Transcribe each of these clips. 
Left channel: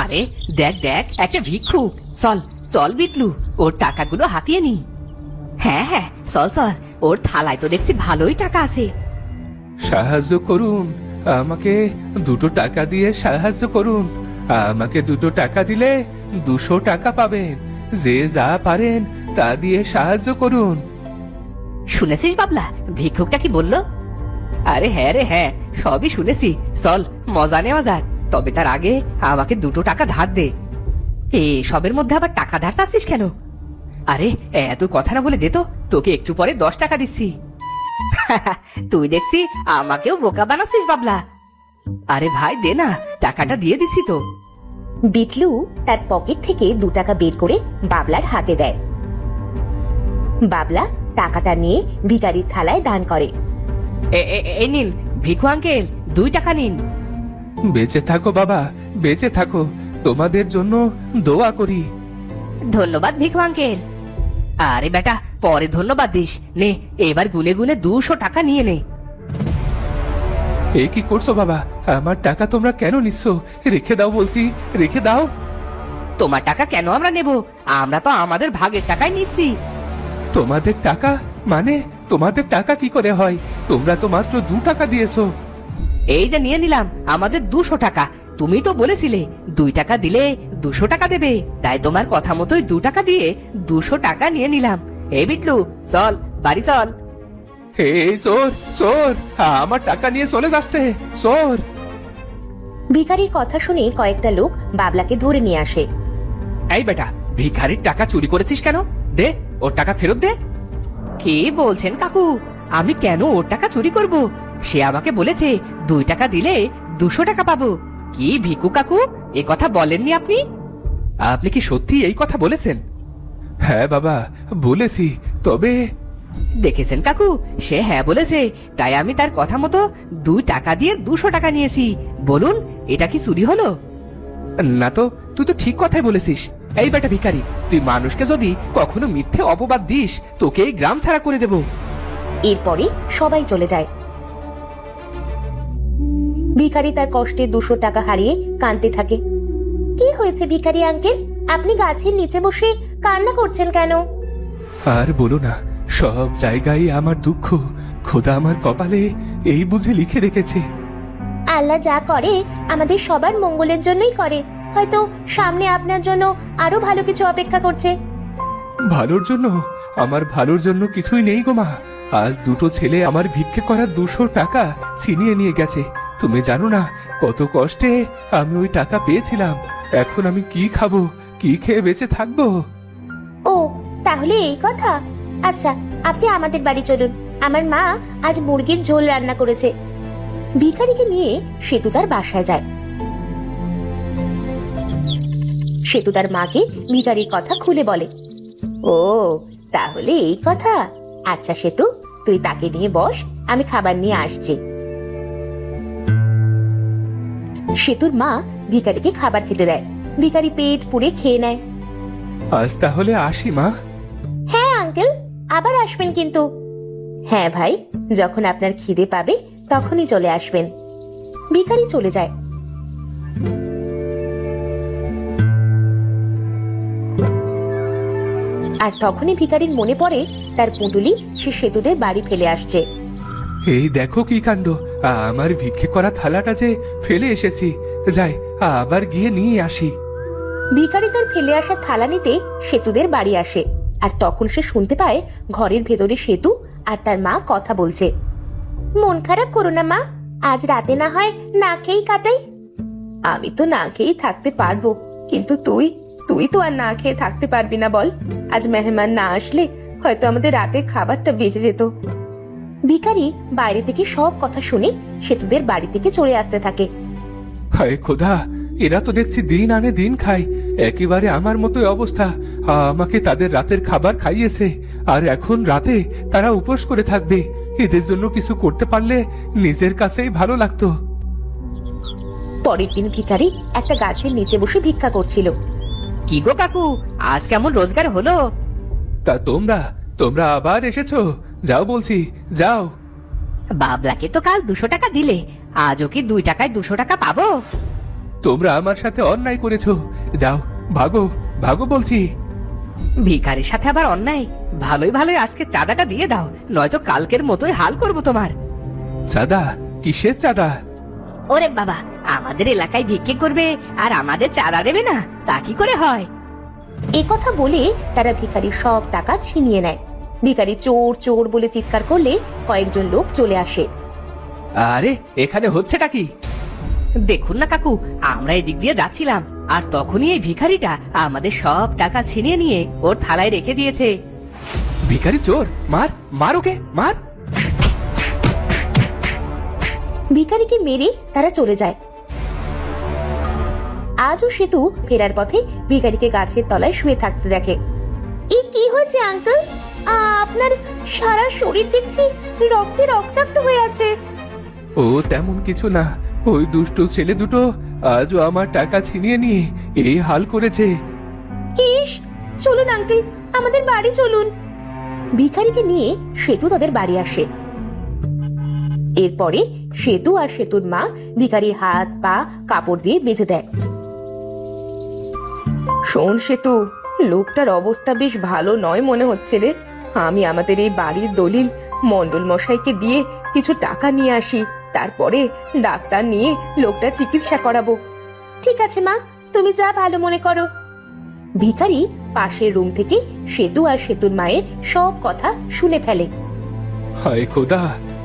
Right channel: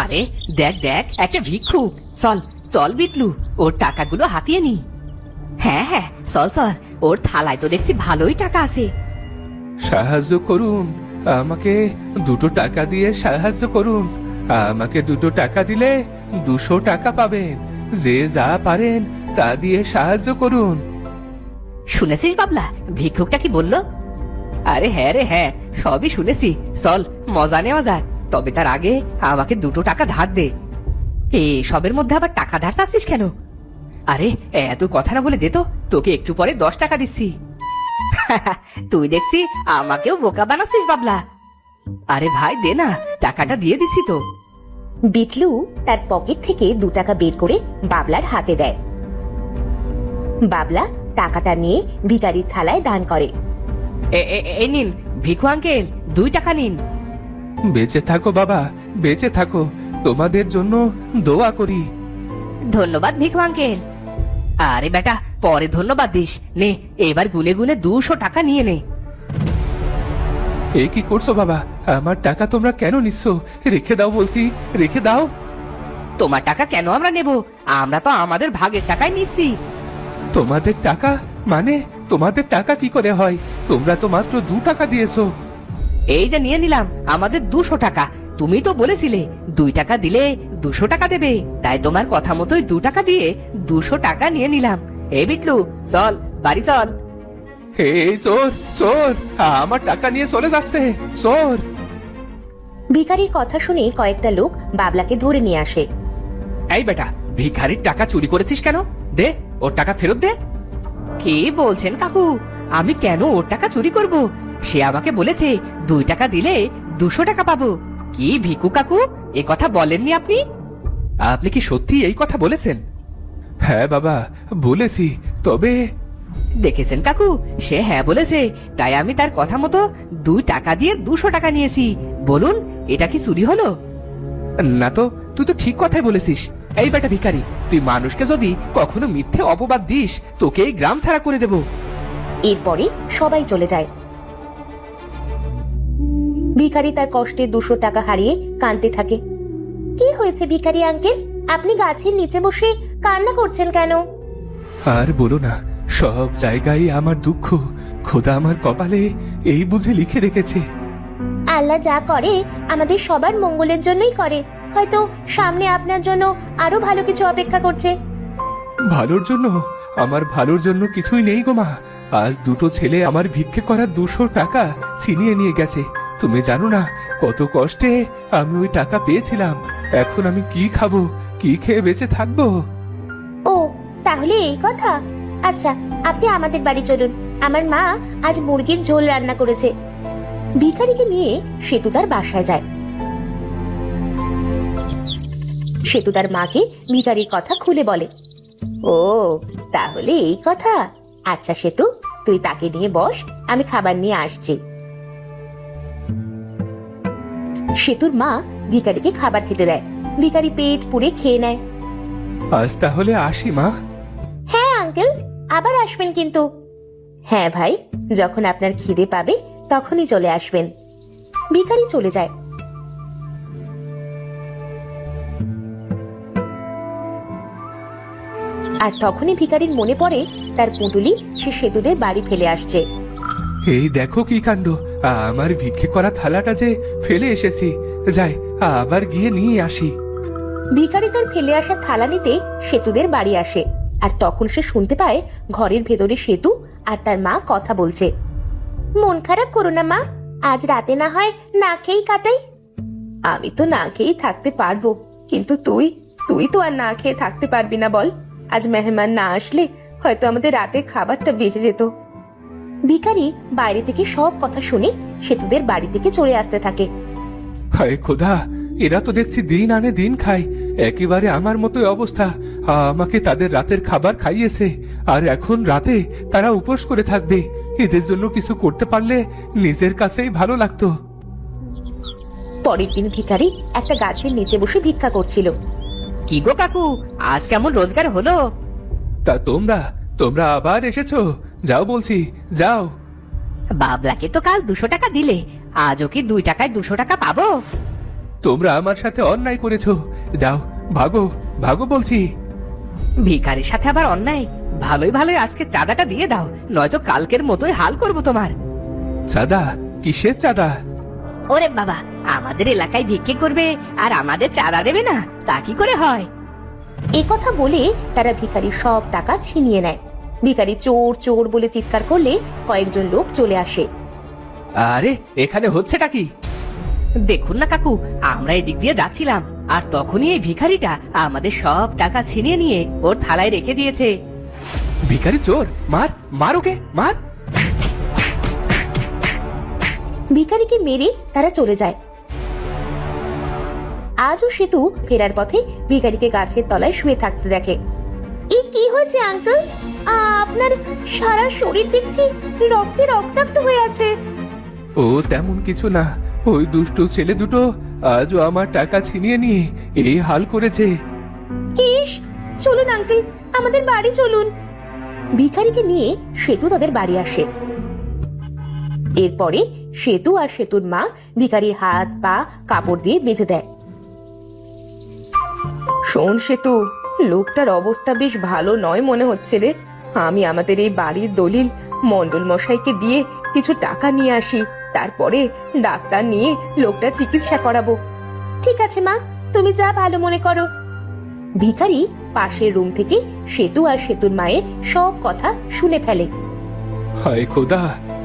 আরে দেখ দেখ, একটা ভিক্ষুক। চল চল বিটলু, ওর টাকাগুলো হাতিয়ে নি। হ্যাঁ হ্যাঁ, চল চল, ওর থালায় তো দেখছি ভালোই টাকা আছে। সাহায্য করুন, আমাকে 2 টাকা দিয়ে সাহায্য করুন। আমাকে 2 টাকা দিলে 200 টাকা পাবেন। যে যা পারেন তা দিয়ে সাহায্য করুন। শুনেছিস বাবলা, ভিক্ষুকটা কি বললো? আরে হ্যাঁ রে হ্যাঁ, সবই শুনেছি। চল মজা নেওয়া যাক, তবে তার আগে আমাকে 2 টাকা ধার দে। সবের মধ্যে আবার টাকা ধার চাচ্ছিস কেন? আরে এত কথা না বলে দে তো, তোকে একটু পরে 10 টাকা দিচ্ছি। তুই দেখছি আমাকেও বোকা বানাচ্ছিস বাবলা। আরে ভাই দে না, টাকাটা দিয়ে দিচ্ছি তো। বিটলু তার পকেট থেকে 2 টাকা বের করে বাবলার হাতে দেয়। বাবলা টাকাটা নিয়ে ভিখারির থালায় দান করে। এই নিন ভিক্ষু আঙ্কেল, 2 টাকা নিন। বেঁচে থাকো বাবা, বেঁচে থাকো, তোমাদের জন্য দোয়া করি। ধন্যবাদ ভিক্ষু আঙ্কেল। আরে বেটা, পরে ধন্যবাদ দিস। নে এবার গুনে গুনে 200 টাকা নিয়ে নে। এ কি করছো বাবা? আমার টাকা তোমরা কেন নিচ্ছ? রেখে দাও বলছি, রেখে দাও। তোমার টাকা কেন আমরা নেব? আমরা তো আমাদের ভাগের টাকাই নিচ্ছি। তোমাদের টাকা মানে? তোমাদের টাকা কি করে হয়? তোমরা তো মাত্র 2 টাকা দিয়েছো। এই যে নিয়ে নিলাম আমাদের 200 টাকা। তুমি তো বলেছিলে 2 টাকা দিলে 200 টাকা দেবে, তাই তোমার কথা মতোই 2 টাকা দিয়ে 200 টাকা নিয়ে নিলাম। এ বিটলু চল বাড়ি চল। এই চোর, চোর আমার টাকা নিয়ে চলে যাচ্ছে, চোর। ভিখারির কথা শুনে কয়েকটা লোক বাবলাকে ধরে নিয়ে আসে। এই বেটা, ভিখারির টাকা চুরি করেছিস কেন? দে ওর টাকা ফেরত দে। কি বলছেন কাকু? আমি কেন ওর টাকা চুরি করব? সে আমাকে বলেছে 2 টাকা দিলে 200 টাকা পাবো। কি ভিকু কাকু, এই কথা বলেননি আপনি? আপনি কি সত্যি এই কথা বলেছেন? হ্যাঁ বাবা বলেছি, তবে দেখেছেন কাকু, সে হ্যাঁ বলেছে, তাই আমি তার কথা মতো 2 টাকা দিয়ে 200 টাকা নিয়েছি। বলুন, এটা কি চুরি হলো? না তো, তুই তো ঠিক কথাই বলেছিস। এই বেটা ভিখারি, তুই মানুষকে যদি কখনো মিথ্যে অপবাদ দিস, তোকে এই গ্রাম ছাড়া করে দেব। এরপরে সবাই চলে যায়। ভিখারি তার কষ্টে 200 টাকা হারিয়ে কাঁদতে থাকে। কি হয়েছে ভিখারি আঙ্কেল, আপনি গাছের নিচে বসে কান্না করছেন কেন? আর বলো না, সব জায়গায় আমার দুঃখ। খোদা আমার কপালে এই বুঝে লিখে রেখেছে। আল্লাহ যা করে আমাদের সবার মঙ্গলের জন্যই করে। হয়তো সামনে আপনার জন্য আরো ভালো কিছু অপেক্ষা করছে। ভালোর জন্য? আমার ভালোর জন্য কিছুই নেই গো মা। আজ 2টো ছেলে আমার ভিক্ষে করা 200 টাকা ছিনিয়ে নিয়ে গেছে। তুমি জানো না কত কষ্টে আমি ওই টাকা পেয়েছিলাম। এখন আমি কি খাবো, কি খেয়ে বেঁচে থাকবো? ও তাহলে এই কথা। আচ্ছা আপনি আমাদের বাড়ি চলুন, আমার মা আজ মুরগির ঝোল রান্না করেছে। ভিখারিকে নিয়ে সেতু তার বাসায় যায়। সেতু তার মাকে ভিখারির কথা খুলে বলে। ও তাহলে এই কথা। আচ্ছা সেতু, তুই তাকে নিয়ে বস, আমি খাবার নিয়ে আসছি। সেতুর মা ভিখারিকে খাবার খেতে দেয়। ভিখারি পেট পুড়ে খেয়ে নেয়। আজ তাহলে আসি মা। হ্যাঁ আঙ্কেল, আবার আসবেন কিন্তু। হ্যাঁ ভাই, যখন আপনার খিদে পাবে তখনই চলে আসবেন। ভিখারি চলে যায়। আর তখনই ভিখারির মনে পড়ে তার পুঁটুলি সে সেতুদের বাড়ি ফেলে আসছে। এই দেখো কি কাণ্ড, আমার ভিক্ষে করা থালাটা যে ফেলে এসেছি। যাই আবার গিয়ে নিয়ে আসি। ভিখারি তার ফেলে আসা থালা নিতে সেতুদের বাড়ি আসে। আর তখন সে শুনতে পায় ঘরের ভেতরে সেতু আর তার মা কথা বলছে। মন খারাপ করো না মা, আজ রাতে না হয় না খেয়েই কাটাই। আমি তো না খেয়ে থাকতে পারবো, কিন্তু তুই তো আর না খেয়ে থাকতে পারবি না বল। আজ মেহমান না আসলে হয়তো আমাদের রাতের খাবারটা বেঁচে যেত। ভিখারি বাইরে থেকে সব কথা শুনে সেতুদের বাড়ি থেকে চলে আসতে থাকে। হায় খোদা, এরা তো দেখছি দিন আনে দিন খায়, একেবারে আমার মতোই অবস্থা। আমাকে তাদের রাতের খাবার খাইয়েছে, আর এখন রাতে তারা উপোস করে থাকবে। এদের জন্য কিছু করতে পারলে নিজের কাছেই ভালো লাগতো। পরের দিন ভিখারি একটা গাছের নিচে বসে ভিক্ষা করছিল। কি গো কাকু, আজ কেমন রোজগার হলো? তা তোমরা তোমরা আবার এসেছো? যাও বলছি, যাও। বাবলাকে তো কাল 200 টাকা দিলে, আজও কি 2 টাকায় 200 টাকা পাবো? তোমরা আমার সাথে অন্যায় করেছো। যাও, ভাগো ভাগো বলছি। ভিখারির সাথে আবার অন্যায়? ভালোই ভালোই আজকে চাঁদাটা দিয়ে দাও, নয়তো কালকের মতোই হাল করবো তোমার। চাঁদা? কিসের চাঁদা? ওরে বাবা, আমাদের এলাকায় ভিক্ষি করবে আর আমাদের চাঁদা দেবে না, তা কি করে হয়? এই কথা বলে তারা ভিখারির সব টাকা ছিনিয়ে নেয়। ভিখারি চোর চোর বলে চিৎকার করলে কয়েকজন লোক চলে আসে। আরে এখানে হচ্ছেটা কি? দেখুন না কাকু, আমরা এদিক দিয়ে যাচ্ছিলাম আর তখনই এই ভিখারিটা আমাদের সব টাকা ছিনিয়ে নিয়ে ওর থানায় রেখে দিয়েছে। ভিখারি চোর? মার মার ওকে, মার। ভিখারিকে মেরে তারা চলে যায়। আজও সেতু ফেরার পথে ভিখারিকে গাছের তলায় শুয়ে থাকতে দেখে। এই কি হয়েছে আঙ্কেল? আপনার সারা শরীর দেখছি রক্তে রক্তাক্ত হয়ে আছে। ও তেমন কিছু না, ওই দুষ্ট ছেলে দুটো আজও আমার টাকা ছিনিয়ে নিয়ে এই হাল করেছে। ইস, চলুন আঙ্কেল, আমাদের বাড়ি চলুন। ভিখারিকে নিয়ে সেতু তাদের বাড়ি আসে। এরপরে সেতু আর সেতুর মা ভিখারির হাত পা কাপড় দিয়ে বেঁধে দেয়। শোন সেতু, লোকটার অবস্থা বেশ ভালো নয় মনে হচ্ছে রে। আমি আমাদের এই বাড়ির দলিল মন্ডল মশাইকে দিয়ে কিছু টাকা নিয়ে আসি, তারপরে ডাক্তার নিয়ে লোকটার চিকিৎসা করাবো। ঠিক আছে মা, তুমি যা ভালো মনে করো। ভিখারি পাশের রুম থেকে সেতু আর সেতুর মায়ের সব কথা শুনে ফেলে। হায় খোদা,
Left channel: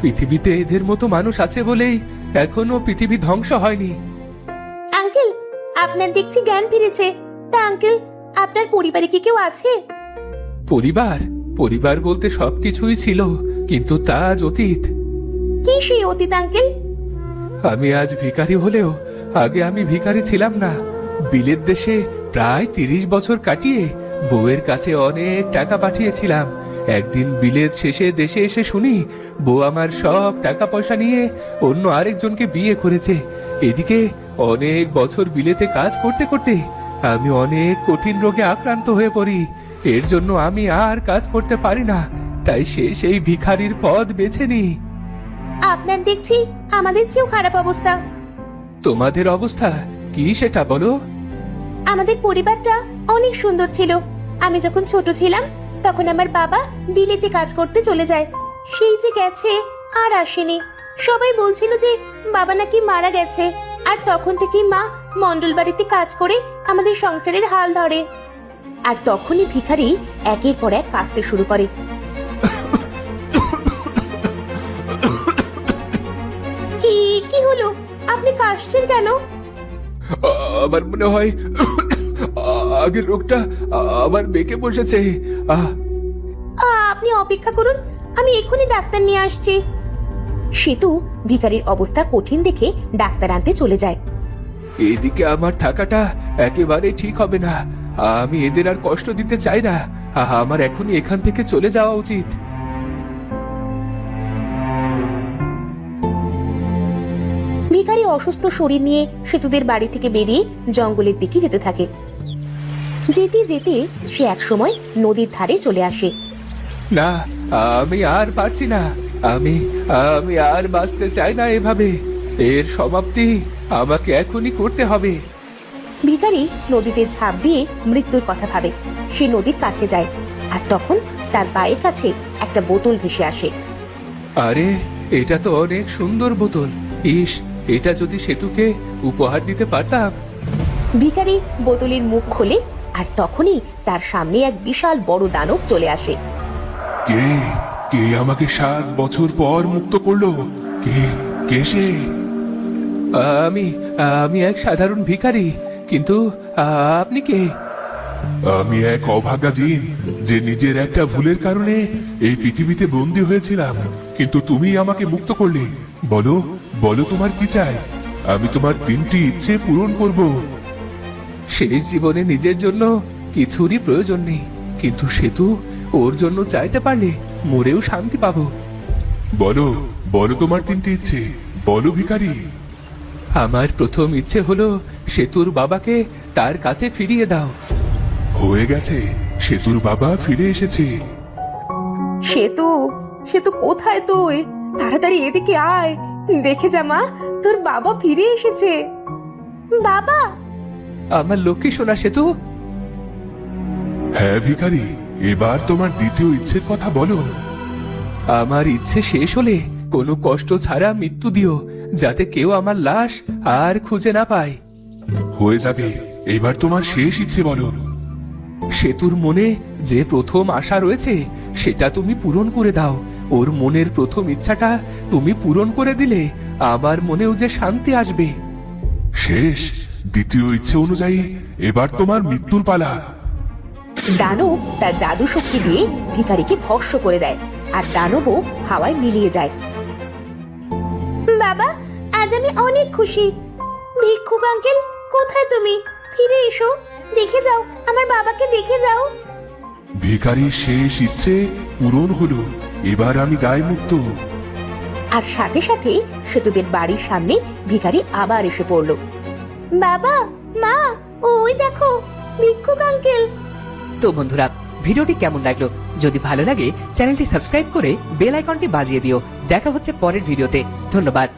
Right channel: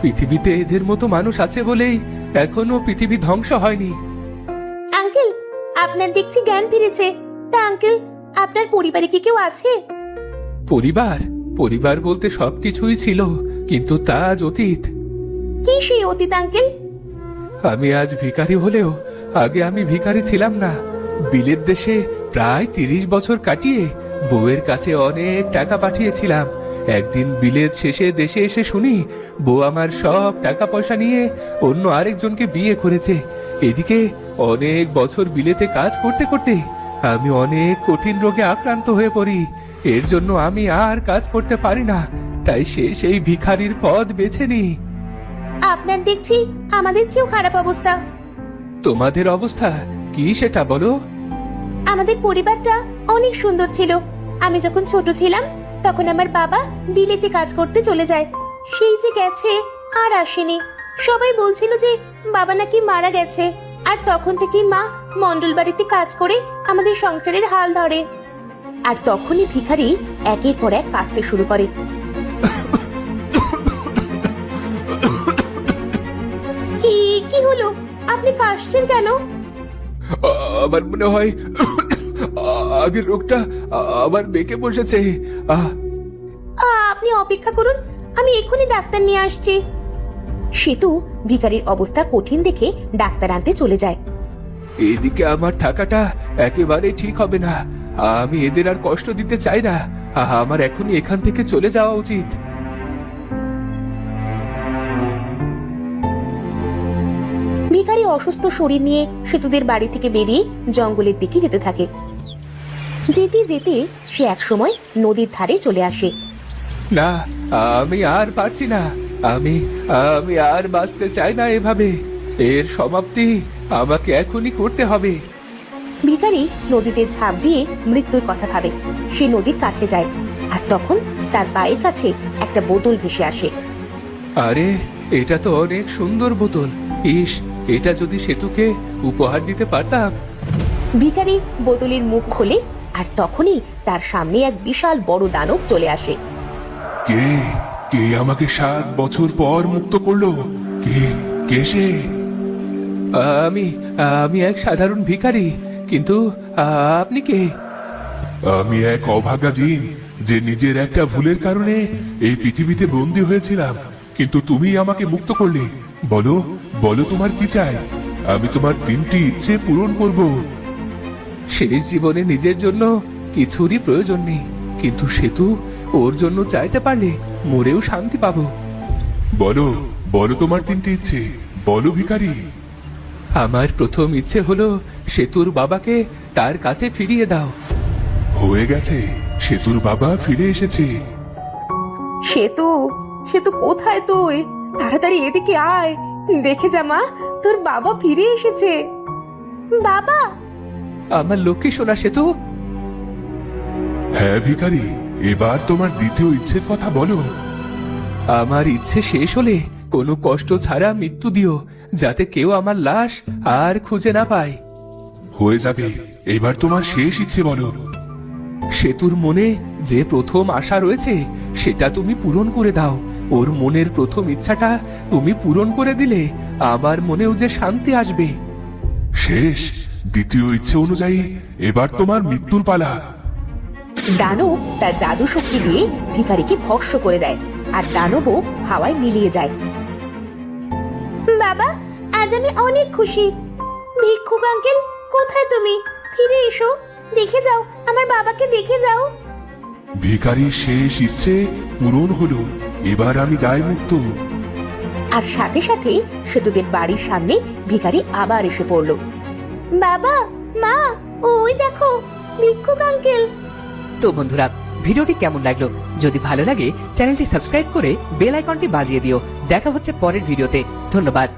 পৃথিবীতে এদের মতো মানুষ আছে বলেই এখনো পৃথিবী ধ্বংস হয়নি। আঙ্কেল, আপনার দেখছি জ্ঞান ফিরেছে। তা আঙ্কেল, আপনার পরিবারে কি কেউ আছে? পরিবার? পরিবার বলতে সবকিছুই ছিল, কিন্তু তা আজ অতীত। কি সেই অতীত আঙ্কেল? আমি আজ ভিখারি হলেও আগে আমি ভিখারি ছিলাম না। বিলেত দেশে প্রায় 30 বছর কাটিয়ে বউয়ের কাছে অনেক টাকা পাঠিয়েছিলাম। একদিন বিলেত শেষে দেশে এসে শুনি বউ আমার সব টাকা পয়সা নিয়ে অন্য আরেকজনকে বিয়ে করেছে। এদিকে অনেক বছর বিলেতে কাজ করতে করতে আমি অনেক কঠিন রোগে আক্রান্ত হয়ে পড়ি। এর জন্য আমি আর কাজ করতে পারি না, তাই সেই ভিখারির পথ বেছে নিই। আপনার দেখছি আমাদের চেয়েও খারাপ অবস্থা। তোমাদের অবস্থা কি সেটা বলো? আমাদের পরিবারটা অনেক সুন্দর ছিল। আমি যখন ছোট ছিলাম তখন আমার বাবা বিলেতে কাজ করতে চলে যায়। সেই যে গেছে আর আসেনি। সবাই বলছিল যে বাবা নাকি মারা গেছে। আর তখন থেকে মা মন্ডল বাড়িতে কাজ করে আমাদের সংসারের হাল ধরে। আর তখনই ভিখারি একের পর এক কাঁদতে শুরু করে। কি হলো? আপনি কাশছেন কেন? আমার মনে হয় আগে লোকটা আমার বেঁকে বসেছে। আপনি অপেক্ষা করুন, আমি এক্ষুনি ডাক্তার নিয়ে আসছি। সেতু ভিখারির অবস্থা কঠিন দেখে ডাক্তার আনতে চলে যায়। এইদিকে আমার থাকাটা একেবারে ঠিক হবে না। আমি এদের আর কষ্ট দিতে চাই না। আমার এখনই এখান থেকে চলে যাওয়া উচিত। ভিখারি অসুস্থ শরীর নিয়ে সেতুদের বাড়ি থেকে বেরিয়ে জঙ্গলের দিকে যেতে থাকে। যেতে যেতে সে একসময় নদীর ধারে চলে আসে। না, আমি আর পারছি না। আমি আমি আর বাঁচতে চাই না এভাবে। এর সমাপ্তি আমাকে এখনই করতে হবে। ভিখারি নদীতে ঝাঁপ দিয়ে মৃত্যুর কথা ভাবে। সে নদীর কাছে যায় আর তখন তার বাড়ির কাছে একটা বোতল ভেসে আসে। আরে, এটা তো অনেক সুন্দর বোতল। ইস, এটা যদি সেতুকে উপহার দিতে পারতাম। ভিখারি বোতলের মুখ খোলে আর তখনই তার সামনে এক বিশাল বড় দানব চলে আসে। কে কে আমাকে 7 বছর পর মুক্ত করলো? কে কে সে? আমি আমি এক সাধারণ ভিখারি, কিন্তু আপনি কে? আমি এক অভাগা জিন, যে নিজের একটা ভুলের কারণে এই পৃথিবীতে বন্দী হয়েছিলাম। কিন্তু তুমি আমাকে মুক্ত করলে। বলো বলো, তোমার কি চাই? আমি তোমার 3টি ইচ্ছে পূরণ করব। শেষ জীবনে নিজের জন্য কিছুরই প্রয়োজন নেই, কিন্তু সেতু ওর জন্য চাইতে পারলে মরেও শান্তি পাবো। বলো বলো, তোমার 3টি ইচ্ছে বলো ভিখারি। আমার প্রথম ইচ্ছে হলো সেতুর বাবাকে তার কাছে ফিরিয়ে দাও। হয়ে গেছে, সেতুর বাবা ফিরে এসেছে। সেতু, সেতু কোথায় তুই? তাড়াতাড়ি এদিকে আয়, দেখে যা মা, তোর বাবা ফিরে এসেছে। বাবা, আমার লক্ষ্মী সোনা সেতু। হ্যাঁ ভিখারি, এবার তোমার দ্বিতীয় ইচ্ছের কথা বলো। আমার ইচ্ছে শেষ হলে কোনো কষ্ট ছাড়া মৃত্যু দিও, যাতে কেউ আমার লাশ আর খুঁজে না পায়। হয়ে যাবে, এবার তোমার শেষ ইচ্ছে বলো। সেতুর মনে যে প্রথম আশা রয়েছে সেটা তুমি পূরণ করে দাও। ওর মনের প্রথম ইচ্ছাটা তুমি পূরণ করে দিলে আমার মনেও যে শান্তি আসবে। শেষ, দ্বিতীয় ইচ্ছে অনুযায়ী এবার তোমার মৃত্যুর পালা। দানু তার জাদু শক্তি দিয়ে ভিখারিকে ভস্ম করে দেয়, আর দানবও হাওয়ায় মিলিয়ে যায়। বাবা, আজ আমি অনেক খুশি। ভিক্ষুক আঙ্কেল, কোথায় তুমি? ফিরে এসো, দেখে যাও, আমার বাবাকে দেখে যাও। ভিখারির শেষ ইচ্ছে পূরণ হলো, এবার আমি দায় মুক্ত। আর সাথে সাথে সেতুদের বাড়ির সামনে ভিখারি আবার এসে পড়লো। বাবা, মা, ওই দেখো ভিক্ষুক আঙ্কেল। তো বন্ধুরা, ভিডিওটি কেমন লাগলো? যদি ভালো লাগে চ্যানেলটি সাবস্ক্রাইব করে বেল আইকনটি বাজিয়ে দিও। দেখা হচ্ছে পরের ভিডিওতে। ধন্যবাদ।